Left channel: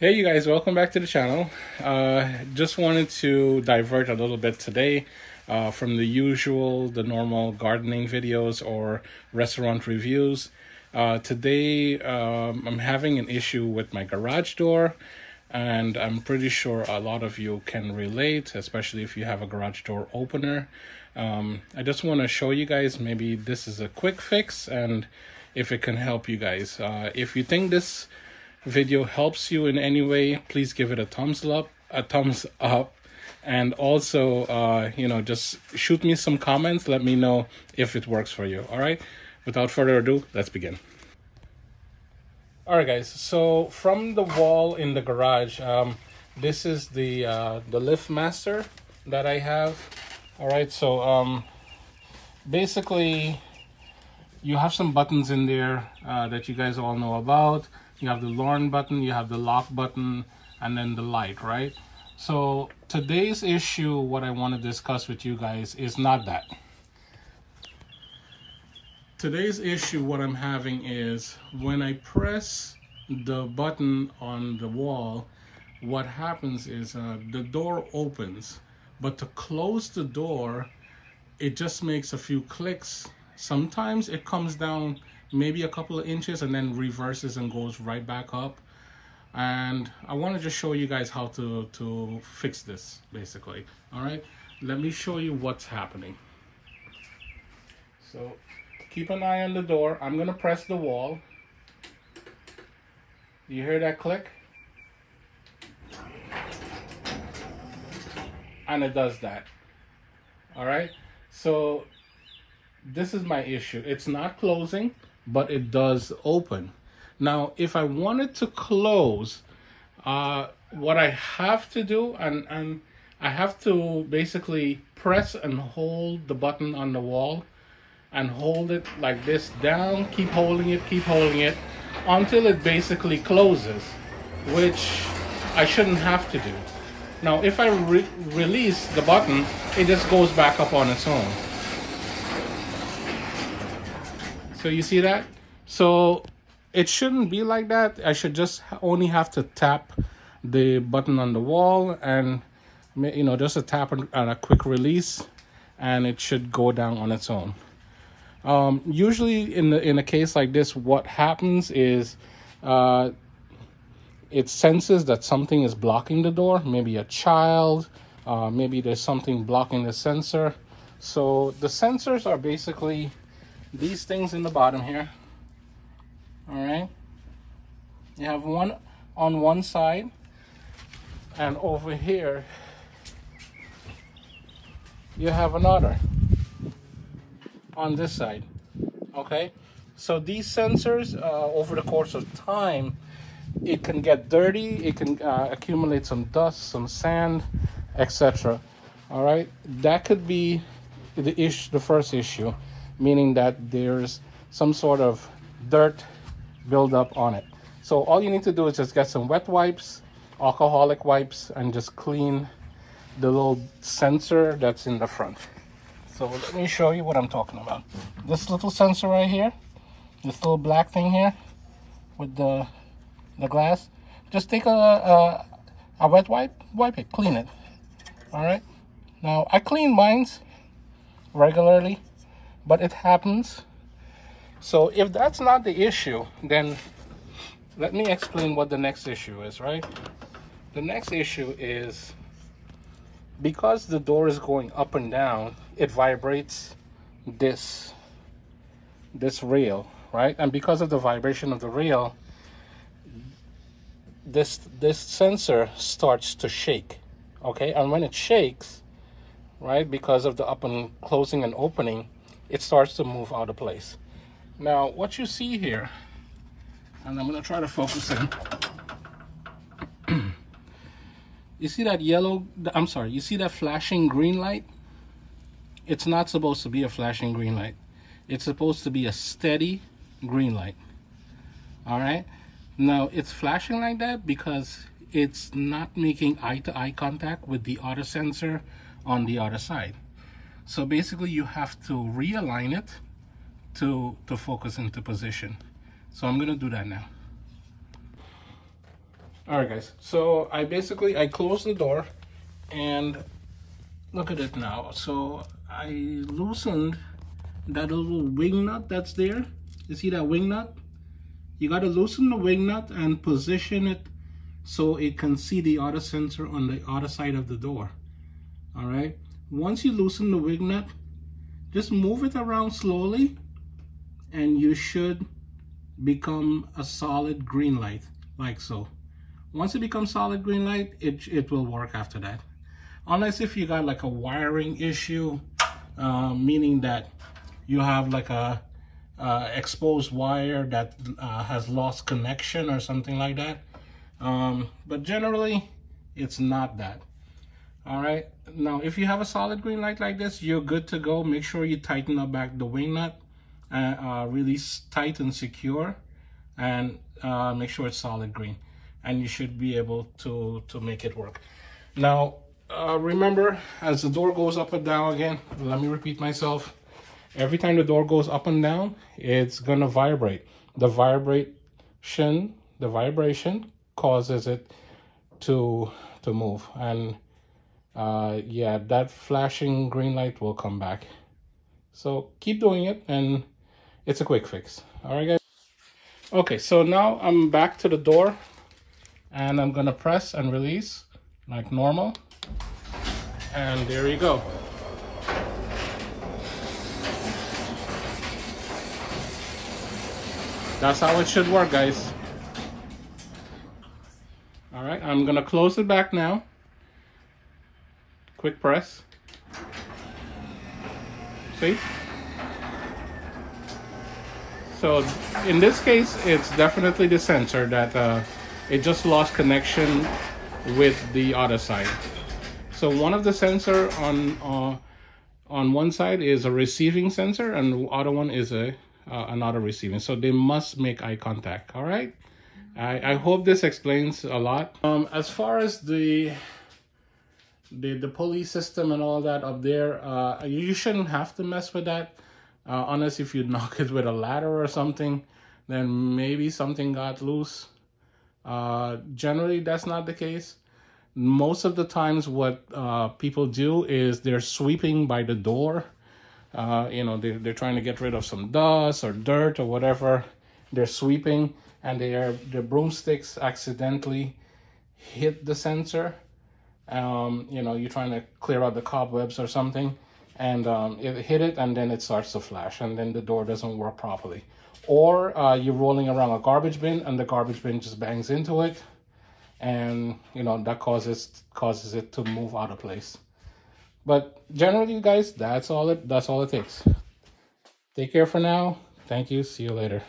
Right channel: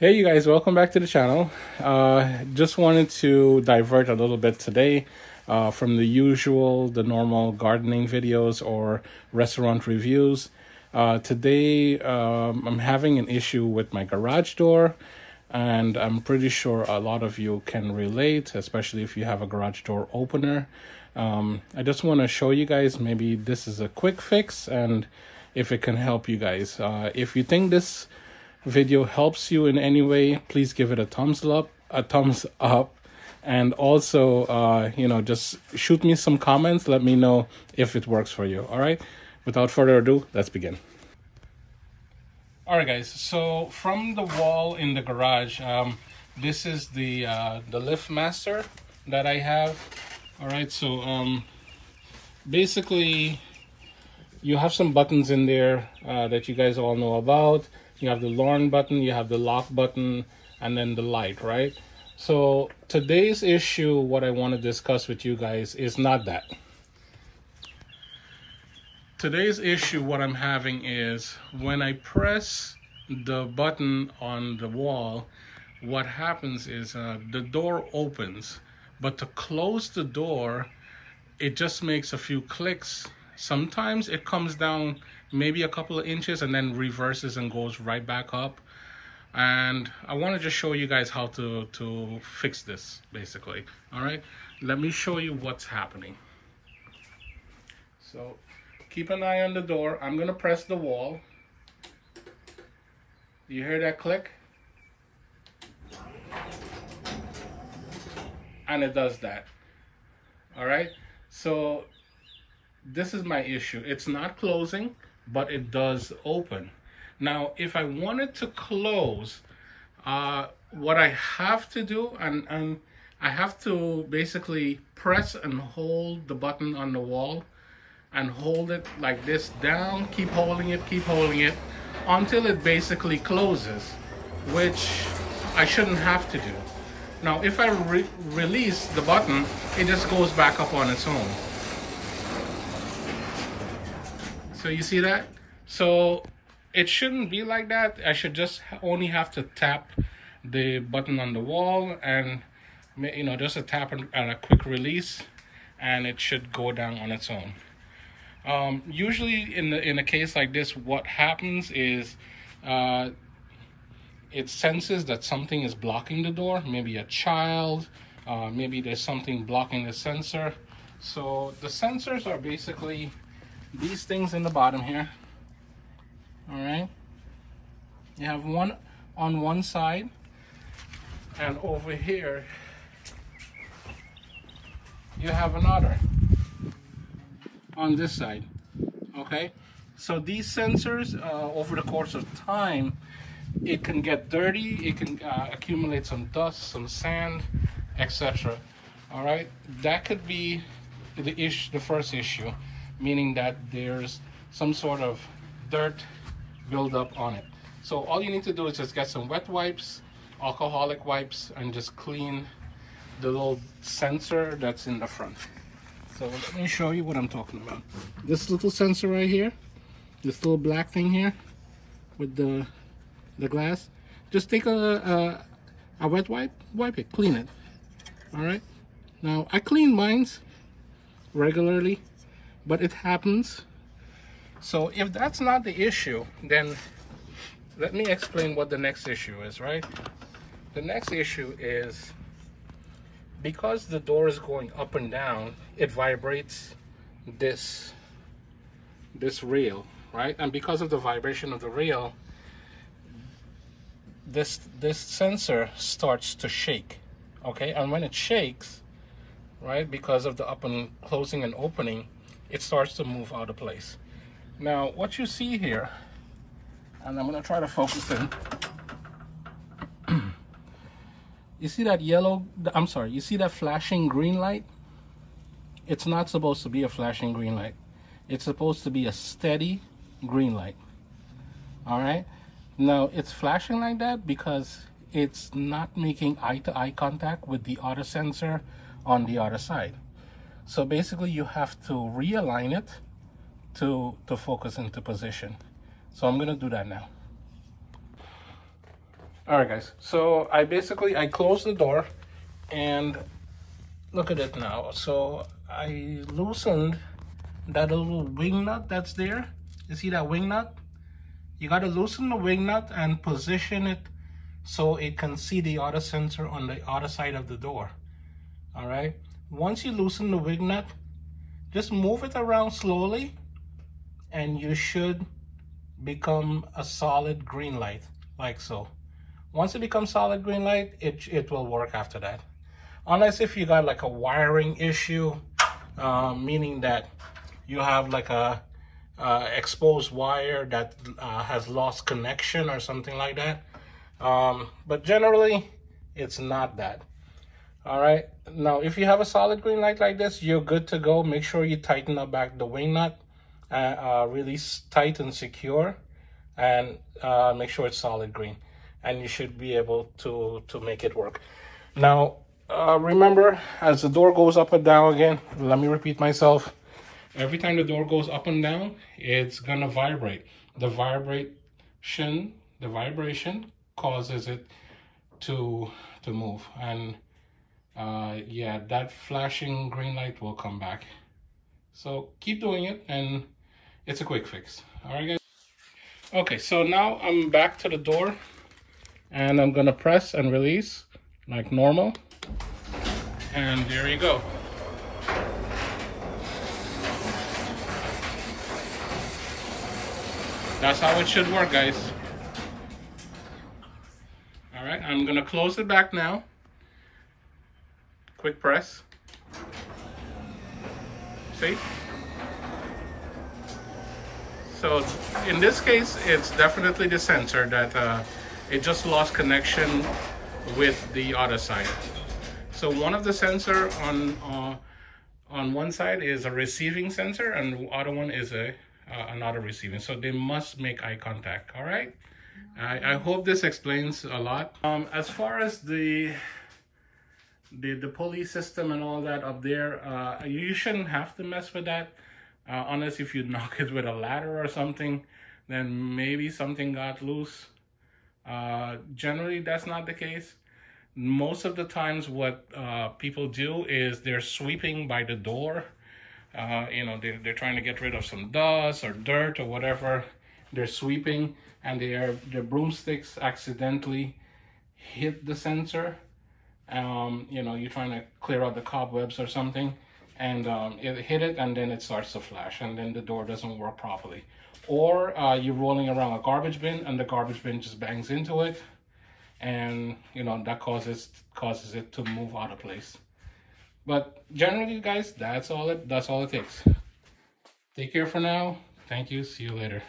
Hey you guys, welcome back to the channel. Just wanted to divert a little bit today from the normal gardening videos or restaurant reviews. Today I'm having an issue with my garage door, and I'm pretty sure a lot of you can relate, especially if you have a garage door opener. I just want to show you guys, maybe this is a quick fix and if it can help you guys. If you think this video helps you in any way, please give it a thumbs up, and also just shoot me some comments. Let me know if it works for you. All right, without further ado, let's begin. All right guys, so from the wall in the garage, this is the LiftMaster that I have. All right, so basically you have some buttons in there that you guys all know about. You have the Lorne button, you have the lock button, and then the light, right? So today's issue, what I want to discuss with you guys is not that. Today's issue, what I'm having is when I press the button on the wall, what happens is the door opens, but to close the door, it just makes a few clicks. Sometimes it comes down maybe a couple of inches and then reverses and goes right back up. And I want to just show you guys how to fix this, basically. All right, let me show you what's happening. So keep an eye on the door. I'm gonna press the wall. You hear that click? And it does that. All right, so this is my issue. It's not closing, but it does open. Now, if I wanted to close, what I have to do, and I have to basically press and hold the button on the wall and hold it like this down, keep holding it until it basically closes, which I shouldn't have to do. Now, if I release the button, it just goes back up on its own. So you see that? So it shouldn't be like that. I should just only have to tap the button on the wall and, just a tap and a quick release, and it should go down on its own. Usually in a case like this, what happens is it senses that something is blocking the door, maybe a child, maybe there's something blocking the sensor. So the sensors are basically these things in the bottom here. All right, you have one on one side, and over here you have another on this side. Okay, so these sensors, over the course of time, it can get dirty, it can accumulate some dust, some sand, etc. All right, that could be the first issue, meaning that there's some sort of dirt buildup on it. So all you need to do is just get some wet wipes, alcoholic wipes, and just clean the little sensor that's in the front. So let me show you what I'm talking about. This little sensor right here, this little black thing here with the glass, just take a wet wipe it, clean it. All right, now I clean mine regularly, but it happens. So if that's not the issue, then let me explain what the next issue is, right? The next issue is because the door is going up and down, it vibrates this rail, right? And because of the vibration of the rail, this sensor starts to shake, okay? And when it shakes, right, because of the up and closing and opening, it starts to move out of place. Now, what you see here, and I'm gonna try to focus in. You see that you see that flashing green light? It's not supposed to be a flashing green light. It's supposed to be a steady green light. All right? Now, it's flashing like that because it's not making eye-to-eye contact with the other sensor on the other side. So basically, you have to realign it to focus into position. So I'm gonna do that now. All right, guys. So I closed the door, and look at it now. So I loosened that little wing nut that's there. You see that wing nut? You got to loosen the wing nut and position it so it can see the auto sensor on the other side of the door. All right. Once you loosen the wing nut, just move it around slowly, and you should become a solid green light, like so. Once it becomes solid green light, it will work after that. Unless if you got like a wiring issue, meaning that you have like a exposed wire that has lost connection or something like that. But generally, it's not that. All right. Now, if you have a solid green light like this, you're good to go. Make sure you tighten up back the wing nut, really tight and secure, and make sure it's solid green. And you should be able to make it work. Now, remember, as the door goes up and down again, let me repeat myself. Every time the door goes up and down, it's gonna vibrate. The vibration causes it to move. And yeah, that flashing green light will come back. So keep doing it, and it's a quick fix. All right, guys. Okay, so now I'm back to the door, and I'm gonna press and release like normal. And there you go. That's how it should work, guys. All right, I'm gonna close it back now. Quick press. See? So in this case, it's definitely the sensor that it just lost connection with the other side. So one of the sensor on one side is a receiving sensor, and the other one is another receiving. So they must make eye contact. All right. I hope this explains a lot. As far as the pulley system and all that up there, you shouldn't have to mess with that, unless if you knock it with a ladder or something, then maybe something got loose. Generally, that's not the case. Most of the times what people do is they're sweeping by the door. You know, they're trying to get rid of some dust or dirt or whatever. They're sweeping, and their broomsticks accidentally hit the sensor. You know, you're trying to clear out the cobwebs or something, and it hit it, and then it starts to flash, and then the door doesn't work properly. Or you're rolling around a garbage bin, and the garbage bin just bangs into it, and you know, that causes it to move out of place. But generally, guys, that's all it takes. Take care for now. Thank you. See you later.